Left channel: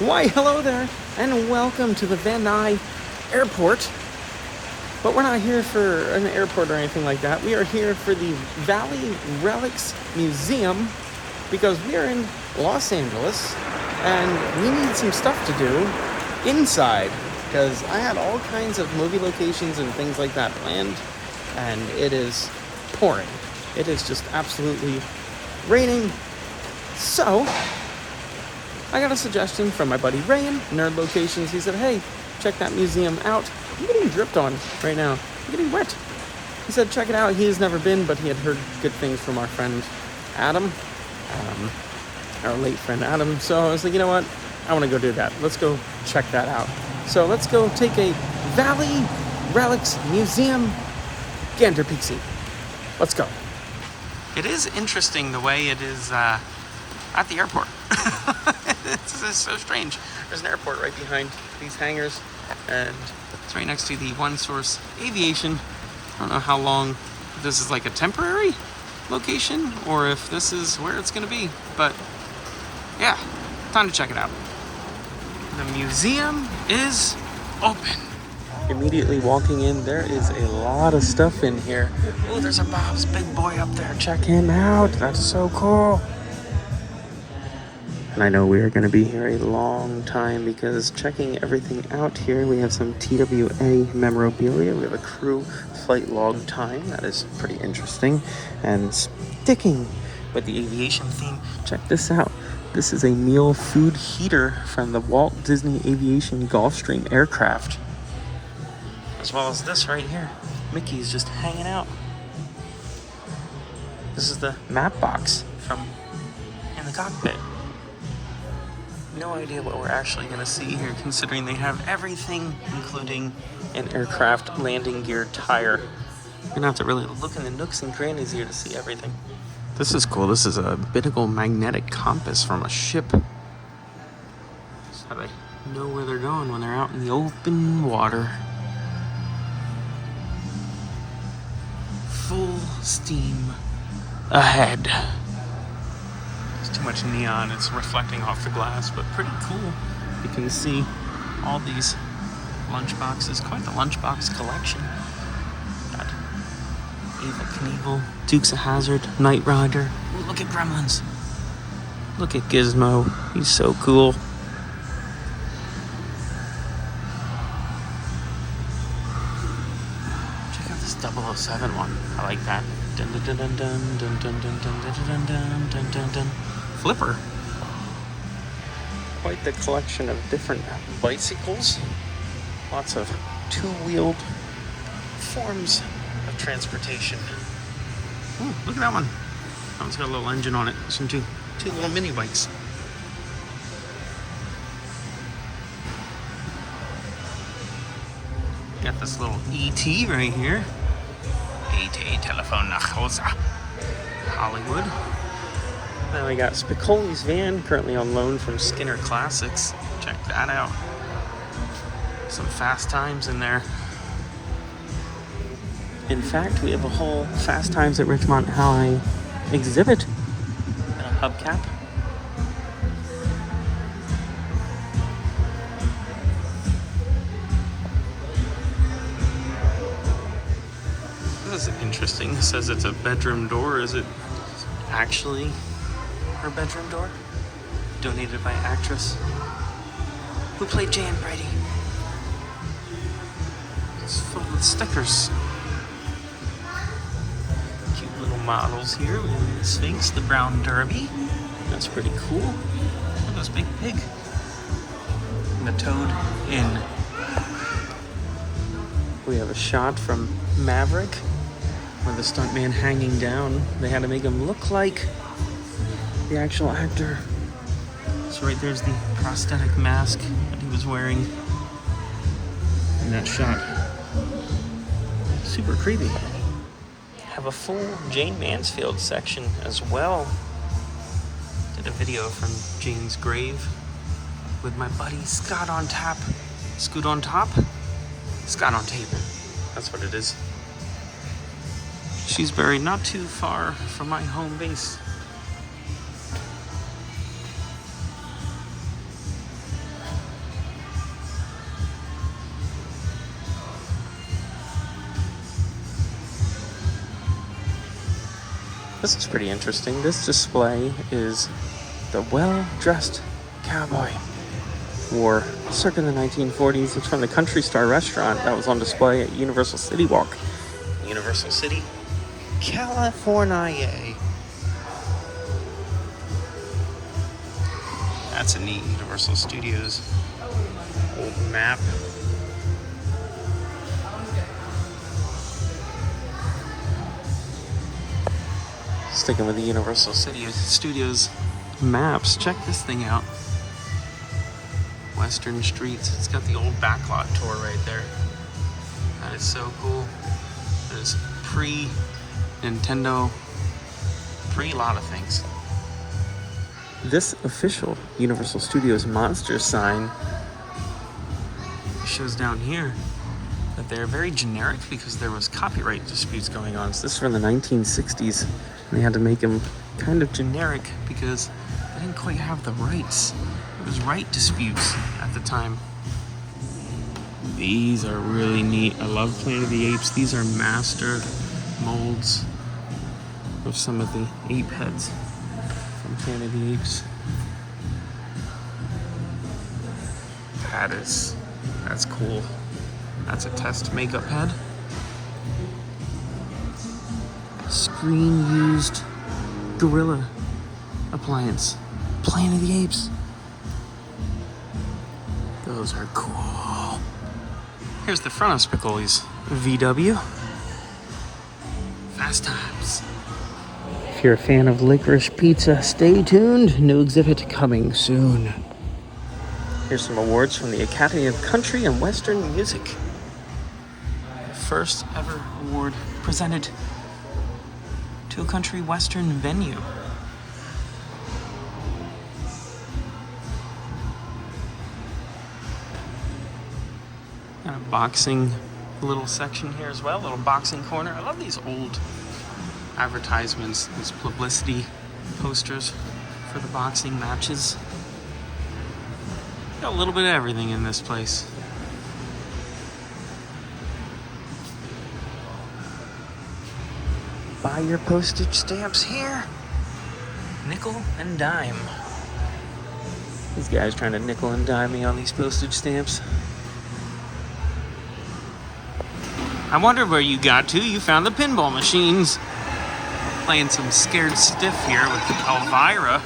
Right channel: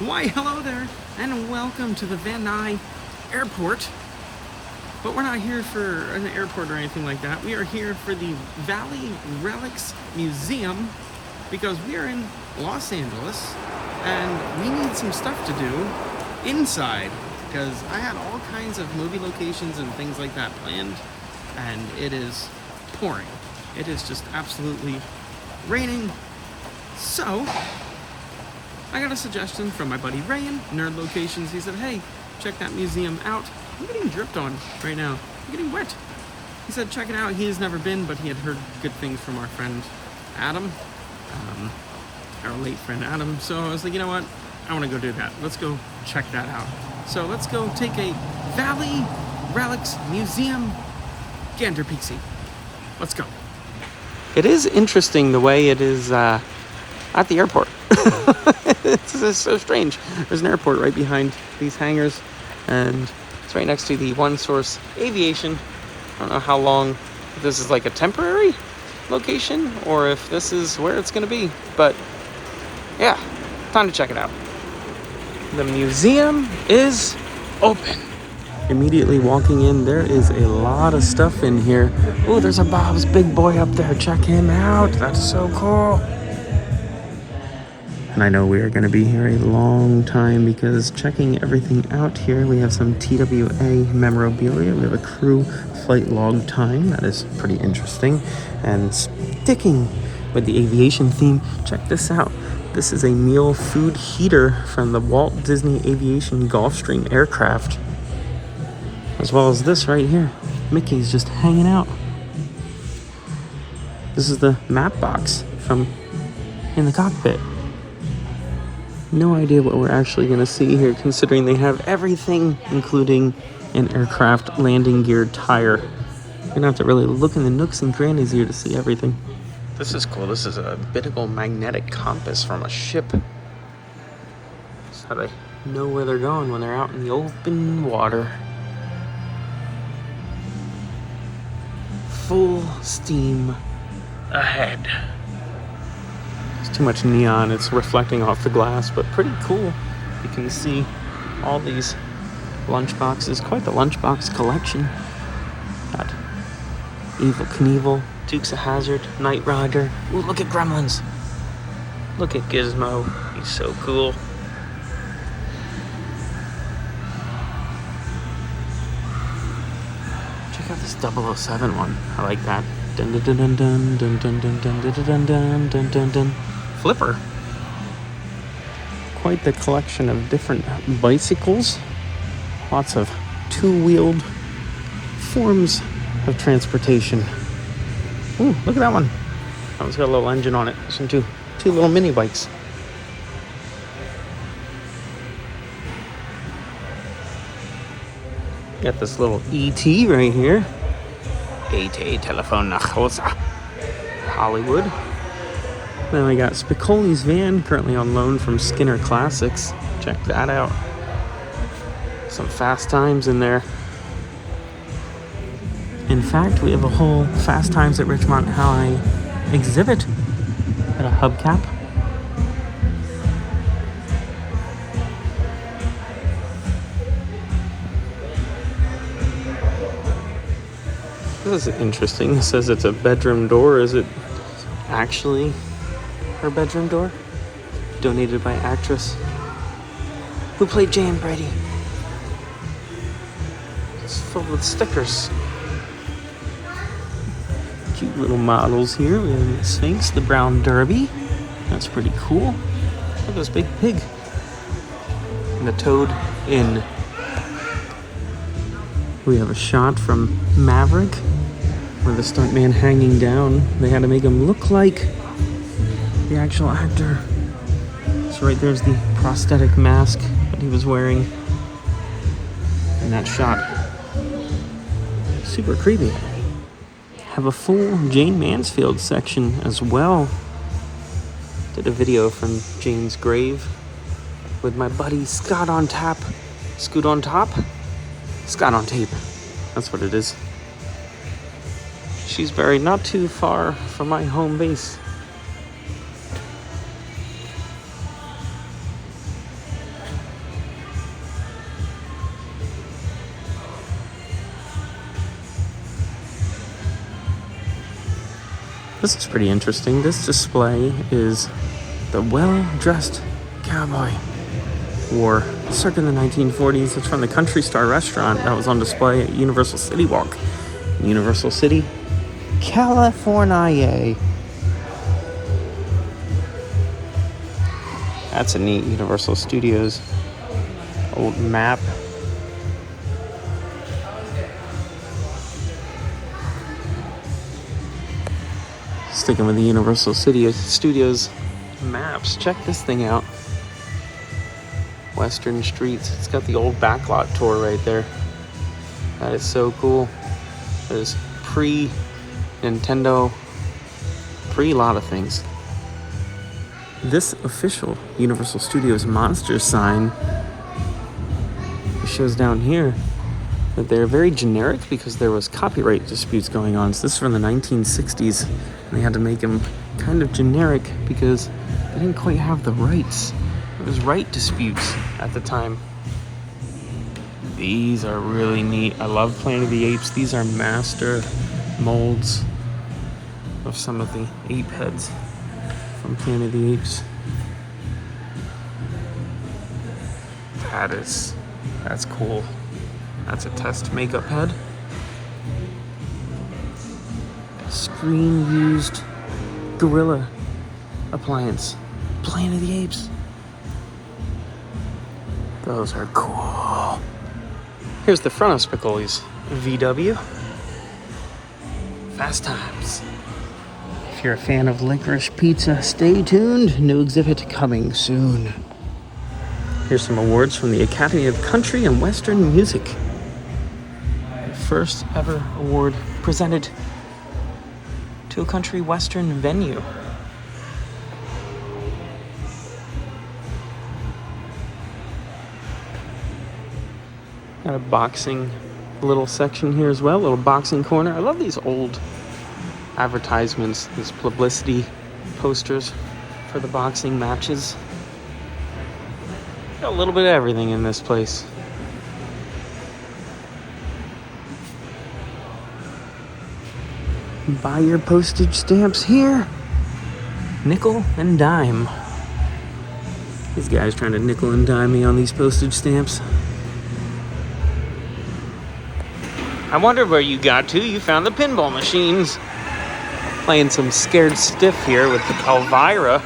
Why, hello there, and welcome to the Van Nuys Airport. But we're not here for an airport or anything like that. We are here for the Valley Relics Museum because we are in Los Angeles and we need some stuff to do inside because I had all kinds of movie locations and things like that planned, and it is pouring. It is just absolutely raining. So I got a suggestion from my buddy Ray in Nerdlocations. He said, hey, check that museum out. I'm getting dripped on right now. I'm getting wet. He said, check it out. He has never been, but he had heard good things from our friend Adam, our late friend Adam. So I was like, you know what? I want to go do that. Let's go check that out. So let's go take a Valley Relics Museum gander peek-see. Let's go. It is interesting the way it is at the airport. It's so strange. There's an airport right behind these hangars, and it's right next to the One Source Aviation. I don't know how long, if this is like a temporary location or if this is where it's going to be, but yeah, time to check it out. The museum is open. Immediately walking in, there is a lot of stuff in here. Oh, there's a Bob's Big Boy up there. Check him out. That's so cool. And I know we are going to be here a long time because checking everything out here, we have some TWA memorabilia. We have a crew flight log time. That is pretty interesting. And sticking with the aviation theme, check this out. This is a meal food heater from the Walt Disney Aviation Gulfstream aircraft. As well as this right here. Mickey's just hanging out. This is the map box from in the cockpit. No idea what we're actually going to see here, considering they have everything, including an aircraft landing gear tire. You're going to have to really look in the nooks and crannies here to see everything. This is cool. This is a binnacle magnetic compass from a ship. That's how they know where they're going when they're out in the open water. Full steam ahead. Too much neon, it's reflecting off the glass, but pretty cool. You can see all these lunch boxes, quite the lunchbox collection. Got Evel Knievel, Dukes of Hazzard, Knight Rider. Ooh, look at Gremlins. Look at Gizmo, he's so cool. Check out this 007 one, I like that. Dun dun dun dun dun dun dun dun dun dun dun dun dun. Flipper. Quite the collection of different bicycles. Lots of two-wheeled forms of transportation. Ooh, look at that one. That one's got a little engine on it. Some two little mini bikes. Got this little ET right here. ET telephone nach Hause. Hollywood. Then we got Spicoli's van, currently on loan from Skinner Classics. Check that out. Some Fast Times in there. In fact, we have a whole Fast Times at Ridgemont High exhibit at a hubcap. This is interesting. It says it's a bedroom door. Is it actually her bedroom door? Donated by actress who played Jan Brady. It's filled with stickers. Cute little models here. We have the Sphinx, the Brown Derby. That's pretty cool. Look at this big pig. And the Toad Inn. We have a shot from Maverick where the stuntman hanging down. They had to make him look like the actual actor. So right there's the prosthetic mask that he was wearing in that shot. Super creepy. Have a full Jane Mansfield section as well. Did a video from Jane's grave with my buddy Scott on tap. Scoot on top? Scott on tape. That's what it is. She's buried not too far from my home base. This is pretty interesting. This display is the well-dressed cowboy wore circa the 1940s. It's from the Country Star restaurant that was on display at Universal City Walk. Universal City, California. That's a neat Universal Studios old map. Sticking with the Universal City Studios maps, check this thing out. Western Streets. It's got the old backlot tour right there. That is so cool. There's pre-Nintendo, pre-lot of things. This official Universal Studios Monsters sign shows down here that they're very generic because there was copyright disputes going on. So this is from the 1960s. They had to make them kind of generic because they didn't quite have the rights. There was right disputes at the time. These are really neat. I love Planet of the Apes. These are master molds of some of the ape heads from Planet of the Apes. That's cool. That's a test makeup head. Screen used gorilla appliance. Planet of the Apes. Those are cool. Here's the front of Spicoli's VW. Fast Times. If you're a fan of licorice pizza, stay tuned. New exhibit coming soon. Here's some awards from the Academy of Country and Western Music. The first ever award presented to a country western venue. Got a boxing little section here as well, little boxing corner. I love these old advertisements, these publicity posters for the boxing matches. Got a little bit of everything in this place. Buy your postage stamps here. Nickel and dime. These guys trying to nickel and dime me on these postage stamps. I wonder where you got to. You found the pinball machines. Playing some Scared Stiff here with Elvira.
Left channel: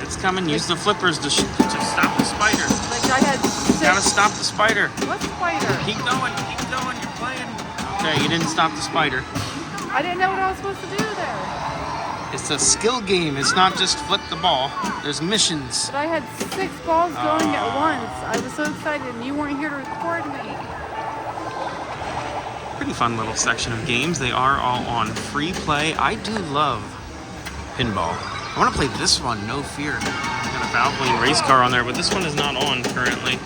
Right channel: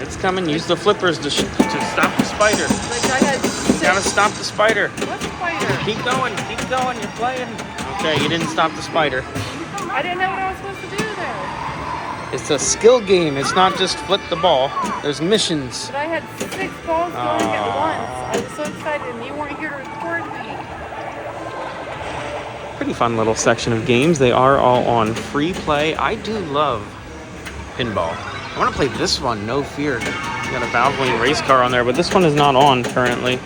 It's coming. Use the flippers to stop the spider. You gotta stop the spider. What spider? Keep going. You're playing. Okay, you didn't stop the spider. I didn't know what I was supposed to do though. It's a skill game. It's not just flip the ball. There's missions. But I had 6 balls going at once. I was so excited and you weren't here to record me. Pretty fun little section of games. They are all on free play. I do love pinball. I want to play this one, No Fear. Got a Valvoline race car on there, but this one is not on currently.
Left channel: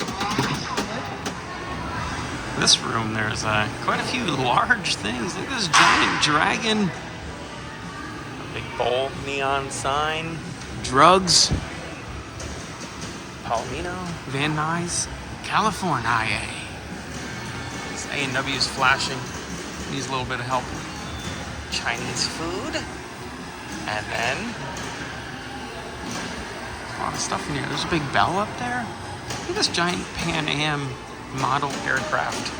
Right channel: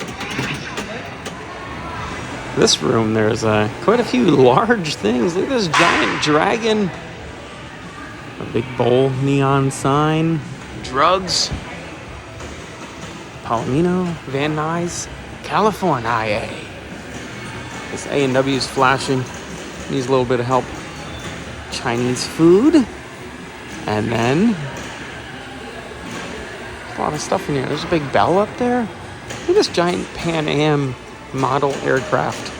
This room, there's quite a few large things. Look at this giant dragon. A big bowl neon sign. Drugs. Palomino, Van Nuys, California. This A&W is flashing. Needs a little bit of help. Chinese food. And then a lot of stuff in here. There's a big bell up there. Look at this giant Pan Am model aircraft.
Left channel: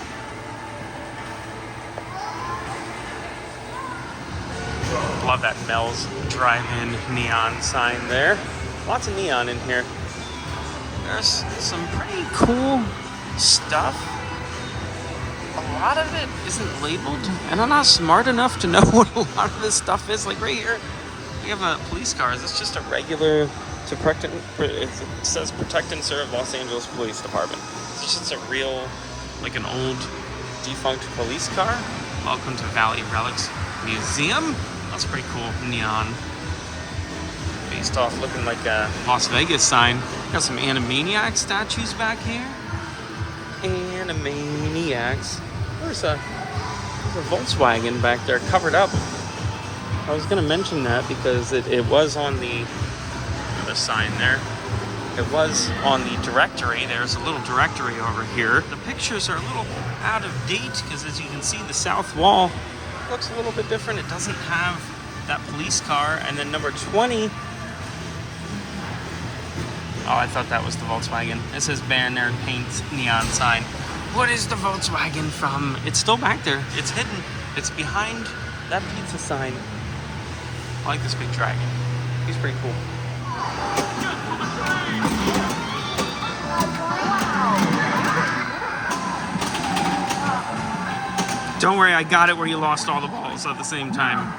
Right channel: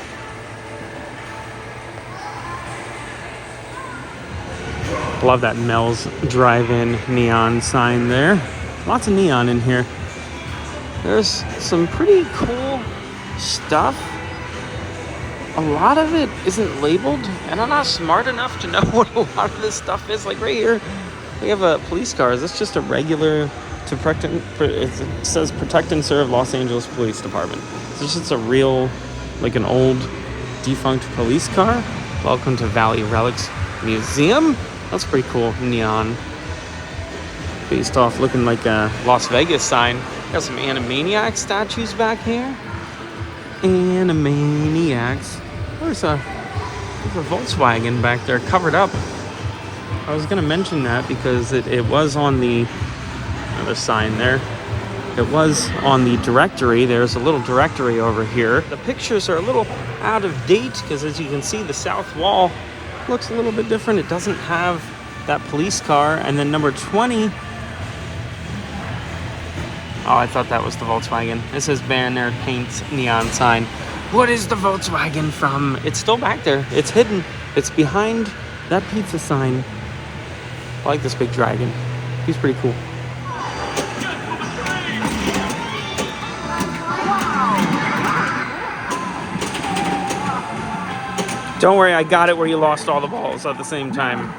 Love that Mel's Drive-In neon sign there. Lots of neon in here. There's some pretty cool stuff. A lot of it isn't labeled, and I'm not smart enough to know what a lot of this stuff is. Like right here, we have a police car. Is this just a regular, it says Protect and Serve Los Angeles Police Department. Is this just a real, like an old defunct police car? Welcome to Valley Relics Museum. That's pretty cool, neon. Based off looking like a Las Vegas sign. Got some Animaniacs statues back here. Animaniacs. There's a Volkswagen back there covered up. I was going to mention that because it was on the other sign there. like it was on the directory. There's a little directory over here. The pictures are a little out of date because, as you can see, the south wall looks a little bit different. It doesn't have that police car. And then number 20. Oh, I thought that was the Volkswagen. It says banner, paint, neon sign. What is the Volkswagen from? It's still back there. It's hidden. It's behind that pizza sign. I like this big dragon. He's pretty cool. Don't worry, I got it where you lost all the balls at the same time.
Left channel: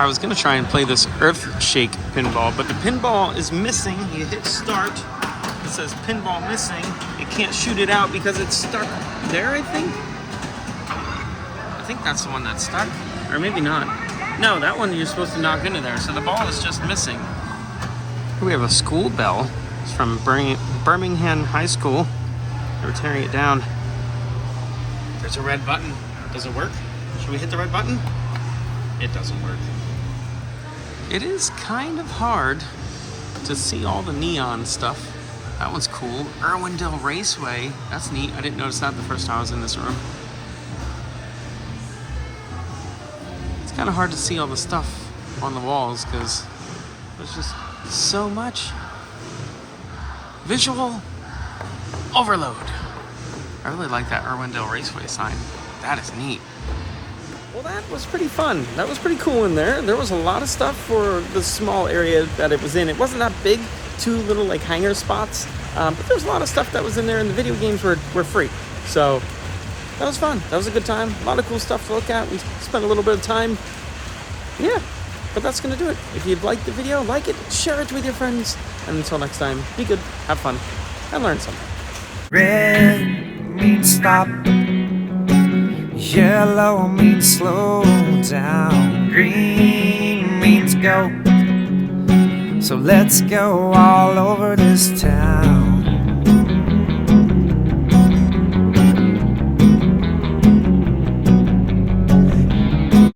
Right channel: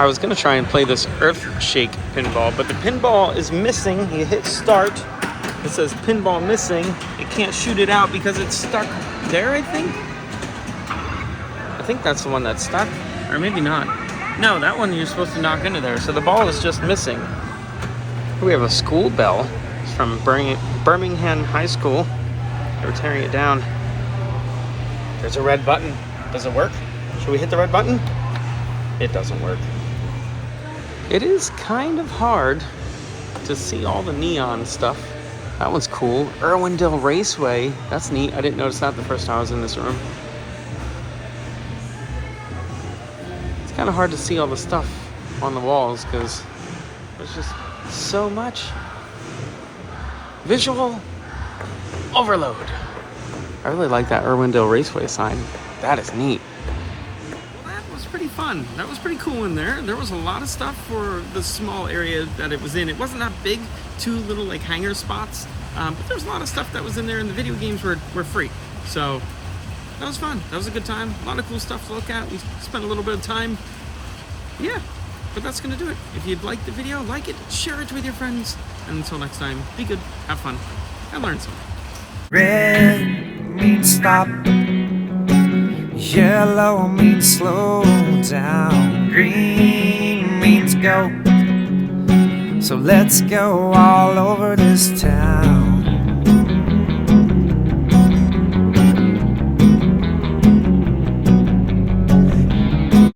I was gonna try and play this Earth Shake pinball, but the pinball is missing. You hit start, it says pinball missing. You can't shoot it out because it's stuck there, I think. I think that's the one that's stuck, or maybe not. No, that one you're supposed to knock into there, so the ball is just missing. We have a school bell. It's from Birmingham High School. They were tearing it down. There's a red button. Does it work? Should we hit the red button? It doesn't work. It is kind of hard to see all the neon stuff. That one's cool. Irwindale Raceway. That's neat. I didn't notice that the first time I was in this room. It's kind of hard to see all the stuff on the walls because there's just so much visual overload. I really like that Irwindale Raceway sign. That is neat. Well, that was pretty fun. That was pretty cool in there. There was a lot of stuff for the small area that it was in. It wasn't that big. 2 little like hangar spots. But there was a lot of stuff that was in there, and the video games were free. So that was fun. That was a good time. A lot of cool stuff to look at. We spent a little bit of time. Yeah. But that's going to do it. If you'd like the video, like it, share it with your friends. And until next time, be good, have fun, and learn something. Red means stop. Yellow means slow down. Green means go. So let's go all over this town.